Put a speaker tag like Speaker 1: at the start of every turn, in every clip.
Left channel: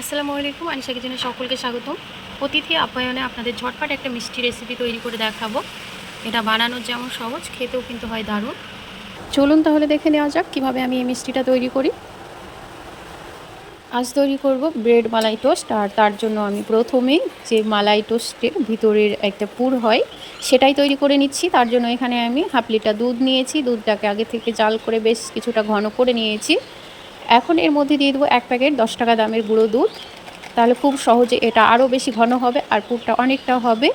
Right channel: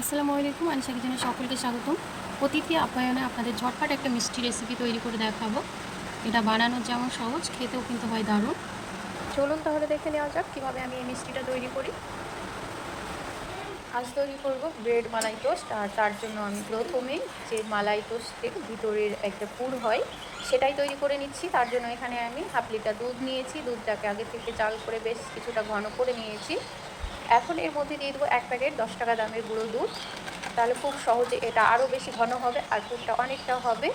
Speaker 1: আসসালামু আলাইকুম, আনিশা কিচেনে সকলকে স্বাগতম। অতিথি আপ্যায়নে আপনাদের ঝটপট একটা মিষ্টি রেসিপি তৈরি করে দেখাবো। এটা বানানোর যেমন সহজ, খেতেও কিন্তু হয় দারুণ। চলুন তাহলে দেখে নেওয়া যাক কীভাবে আমি এই মিষ্টিটা তৈরি করি। আজ তৈরি করব ব্রেড মালাই টোস্ট, আর তার জন্য আমি প্রথমে যে মালাই টোস্টের ভিতরের একটা পুর হয়, সেটাই তৈরি করে নিচ্ছি। তার জন্য এখানে আমি হাফ লিটার দুধ নিয়েছি। দুধটাকে আগে থেকে জাল করে বেশ কিছুটা ঘন করে নিয়েছি। এখন এর মধ্যে দিয়ে দেবো এক প্যাকেট দশ টাকা দামের গুঁড়ো দুধ। তাহলে খুব সহজে এটা আরও বেশি ঘন হবে আর পুরটা অনেকটা হবে।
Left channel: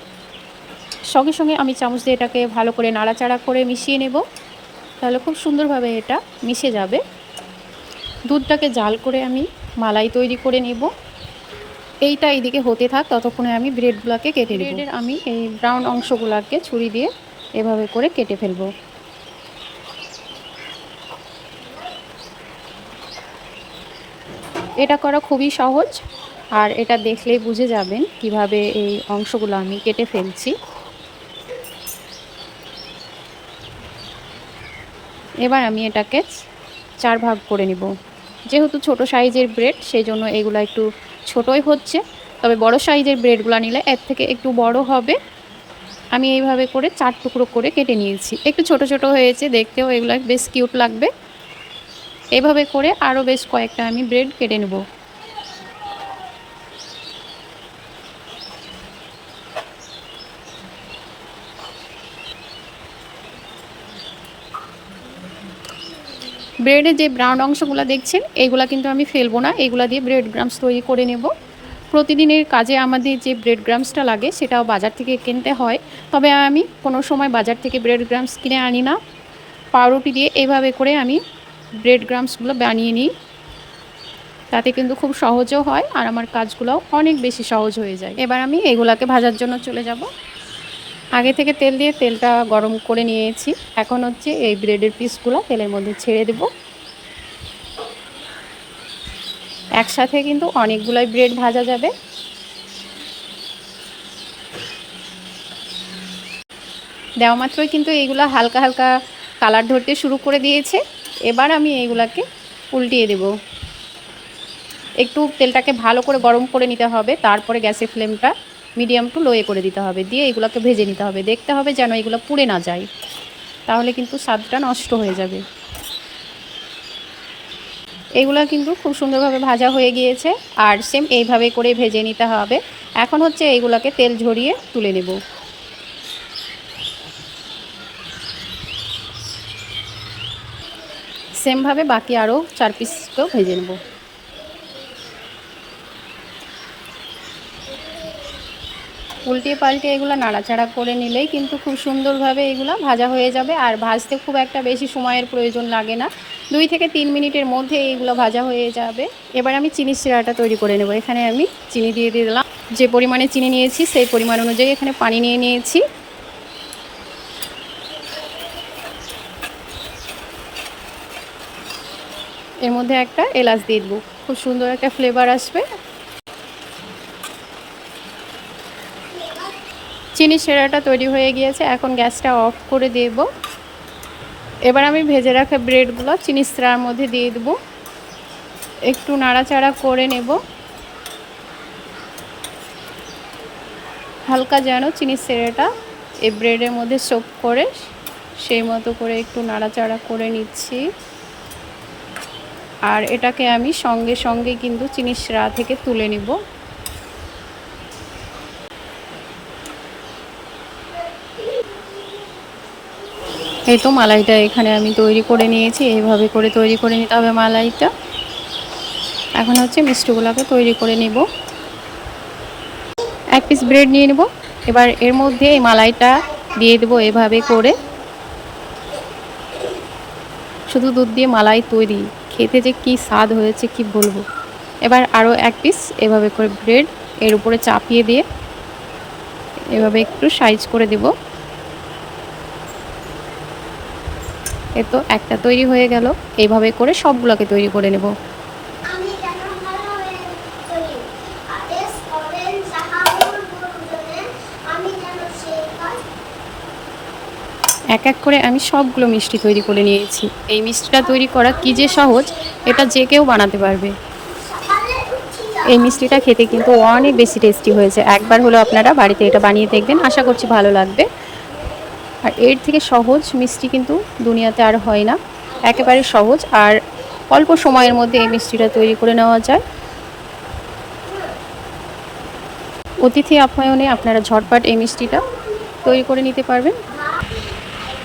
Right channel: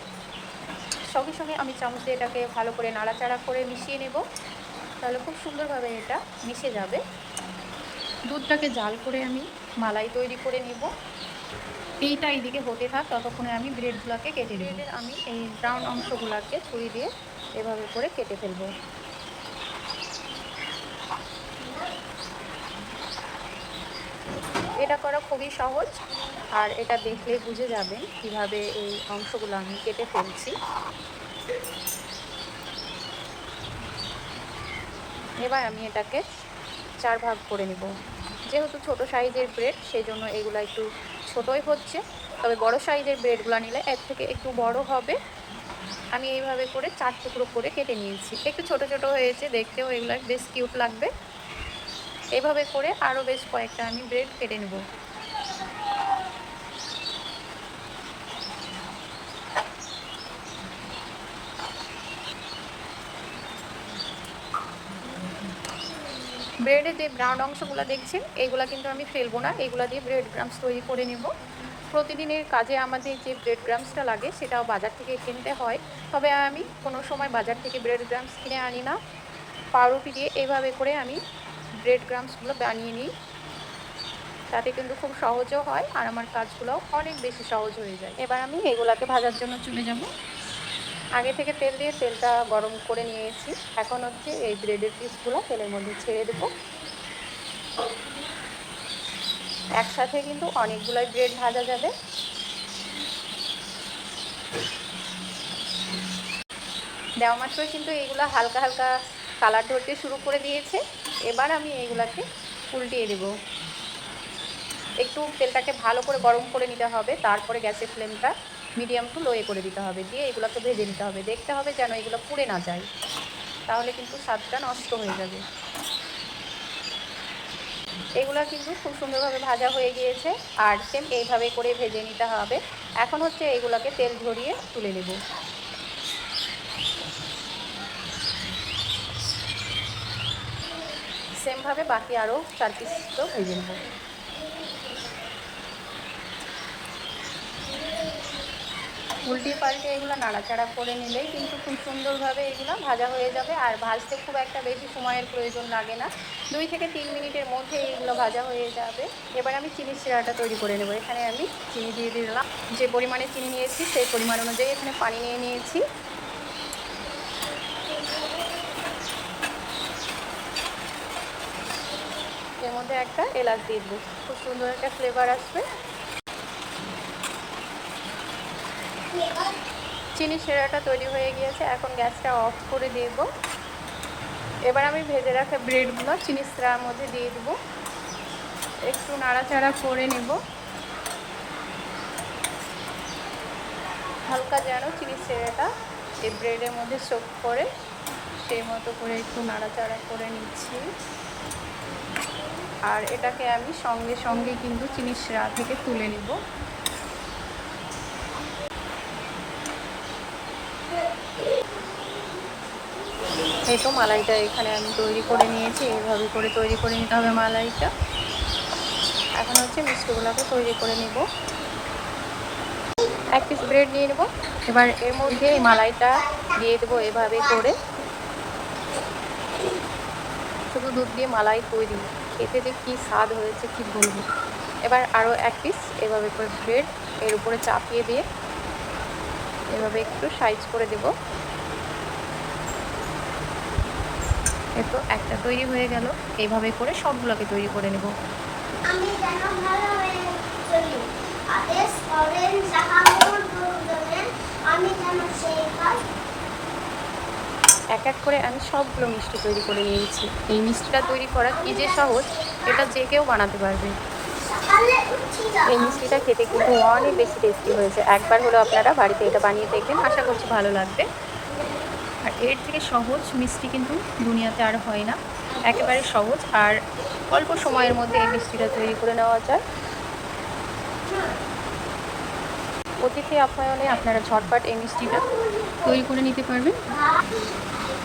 Speaker 1: সঙ্গে সঙ্গে আমি চামচ দিয়ে এটাকে ভালো করে নাড়াচাড়া করে মিশিয়ে নেব। তাহলে খুব সুন্দরভাবে এটা মিশে যাবে। দুধটাকে জাল করে আমি মালাই তৈরি করে নেব। এইটা এইদিকে হতে থাক, ততক্ষণে আমি ব্রেডগুলোকে কেটে নেব। আমি এই ব্রাউন অংশগুলোকে ছুরি দিয়ে এভাবে করে কেটে ফেলব। এটা করা খুবই সহজ, আর এটা দেখলেই বুঝে যাবেন কীভাবে এই অংশগুলো আমি কেটে ফেলছি। এবার আমি এটাকে চার ভাগ করে নিব। যেহেতু ছোট সাইজের ব্রেড সেই জন্য এগুলো একটু ছোটই হচ্ছে। তবে বড় সাইজের ব্রেডগুলো নিলে এর থেকে একটু বড় হবে। আমি এইভাবে করে চার টুকরো করে কেটে নিয়েছি। একটু ছোট ছোট হয়েছে, দেখতেও এগুলো বেশ কিউট লাগবে। এভাবে করে আরও বেশ কয়েকটা আমি ব্রেড কেটে নেব। ব্রেডের যে ব্রাউন অংশগুলো দেখছেন, এইগুলা কিন্তু আমি ফেলব না, এইগুলা দিয়ে ব্রেড গ্রামস তৈরি করে নেব। প্রতিদিনের কাজে আমাদের যে ব্রেড গ্রামসটা লাগে, সেটাও বাজার থেকে কিনতে হয়। তবে আমি কোনো সময় বাজার থেকে ব্রেড গ্রামস কিনে আনি না। পাউরুটি দিয়ে এভাবে করে আমি ব্রেড গ্রামসগুলো বানিয়ে নিই। তাতে কিন্তু খুব সহজও হয় আর আমার কাজগুলোও অনেক বেশি সহজ হয়ে যায়। এবার আমি এগুলাকে ভাজার জন্য চলে যাব। আগে থেকে তেল দিয়ে তেলটা গরম করে নিয়েছি। এখন হচ্ছে এই ব্রেডের পিসগুলো তেলের মধ্যে ছেড়ে দেব। একসাথে কিন্তু অনেকগুলোই ব্রেড ভাজা যাবে। দেওয়া মাত্রই কিন্তু এইগুলো হালকা হালকা কালার ধরতে শুরু করে দিয়েছে। এবার আমি এইগুলাকে উল্টিয়ে দেব। একটু তেলটাকে ভালো করে গরম করে নিতে হবে, তারপরে গ্যাসের ফ্লেমটা মিডিয়াম টু লোয়ে করে দিতে হবে, দিয়ে এগুলোকে ভেজে নিতে হবে। দেখতে হবে যেন এগুলো পুড়ে না যায়, তাহলে কিন্তু স্বাদটা নষ্ট হয়ে যাবে। এগুলো কিন্তু খুব সুন্দরভাবে ভাজা হয়ে গিয়েছে, আর সেম এইভাবে করে ভেজে নিতে হবে। এখন হচ্ছে এইগুলোকে তেল ঝরিয়ে তুলে নেব। সেমভাবে বাকি আরও চার পিসকেও ভেজে নেব। উল্টে পাল্টে এগুলো নাড়াচাড়া করে নিলেই কিন্তু খুব সুন্দরভাবে এগুলো ভাজা হয়ে যাবে আর ভাজতে খুব একটা বেশি সময়ের প্রয়োজন লাগে না। দুই থেকে তিন মিনিটের মধ্যে এইগুলো ভাজা হয়ে যাবে। এবার আমি চিনি সিরাটা তৈরি করে নেব। এখানে আমি চিনি দিয়ে দিয়ে দিলাম। যে পরিমাণে চিনি নিয়েছি সেই পরিমাণ অনুযায়ী এখানে পানি নিয়ে নিয়েছি। এর মধ্যে একটা এলাচ দিয়ে দেবো। খুব সুন্দর একটা ফ্লেভার আসবে। চিনি সেরাটা তৈরি হয়ে গিয়েছে, এখন গ্যাসটা অফ করে দেব। এবার আমি ভেজে রাখা ব্রেডগুলো চিনি সেরার মধ্যে দিয়ে দেবো। একটু নাড়াচাড়া করে নেব। হালকা যেন চিনি সেরাটা এই ব্রেডের মধ্যে সোপ করে সেই মতো করে একটু নাড়াচাড়া করে নিচ্ছি। আর এটাকে আমি সঙ্গে সঙ্গে কিন্তু চিনি সেরা থেকে তুলে নেব। এই তো মালাইটা এখানে আমি তৈরি করে নিয়েছি, এইভাবে করে তৈরি করে নিতে হবে মালাইটা। এখন হচ্ছে মিষ্টিগুলোকে তৈরি করে নেব। এক পিস ব্রেড নিয়ে নেব। এবার এর মধ্যে এই মালাইটা দিয়ে দেবো এভাবে করে। শুধু দুধ দিয়ে মালাই তৈরি। খেতে যে কি স্বাদ হয়েছে, কি বলব? এবার আরও এক পিস এভাবে করে ব্রেড এর উপরে চাপিয়ে দিয়ে এভাবে একটু সাইজ করে দেবো। এ তো একটা তৈরি হয়ে গেল। এইভাবে করে সবগুলোকে তৈরি করে নেব।
Speaker 2: আমি যেন ভালো হয়ে চলি আদেশ করেন সাহাবুল বলেন আমি যেন সেই কাজ
Speaker 1: এক এক করে আমি সবগুলো মিষ্টি তৈরি করে নিয়েছি। এই মিষ্টিটা তৈরি করা কী যে সহজ, এটা যে কেউ বানাতে পারবে। এই মিষ্টিটা খেতে কিন্তু অনেক বেশি টেস্টি হয়েছে। একবার হলো আপনারা বাড়িতে এটা বানিয়ে দেখবেন, আশা করছি ভালো লাগবে। আর এর থেকে সহজ মিষ্টি কিন্তু দুনিয়াতে আর হয় না। একেবারে সহজ, আর অল্প সময়ের মধ্যে এই মিষ্টিটা তৈরি করে নেওয়া যায়। অতিথি আপ্যায়নে আপনারা ঝটপট এই মিষ্টিটা তৈরি করে নিতে পারবেন।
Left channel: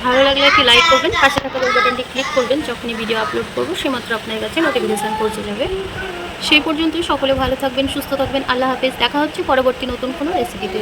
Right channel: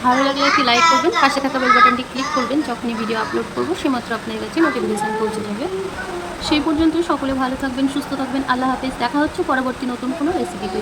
Speaker 1: ভালো লাগলে একটি লাইক করবেন, পাশে থাকা বেল বাটনটি ক্লিক করবেন, যখনই ভিডিও আপলোড করব সেমাত্র আপনার কাছে নোটিফিকেশান পৌঁছে যাবে। সেই পর্যন্তই সকলে ভালো থাকবেন, সুস্থ থাকবেন, আল্লাহ হাফেজ, দেখা হচ্ছে পরবর্তী নতুন কোনো রেসিপিতে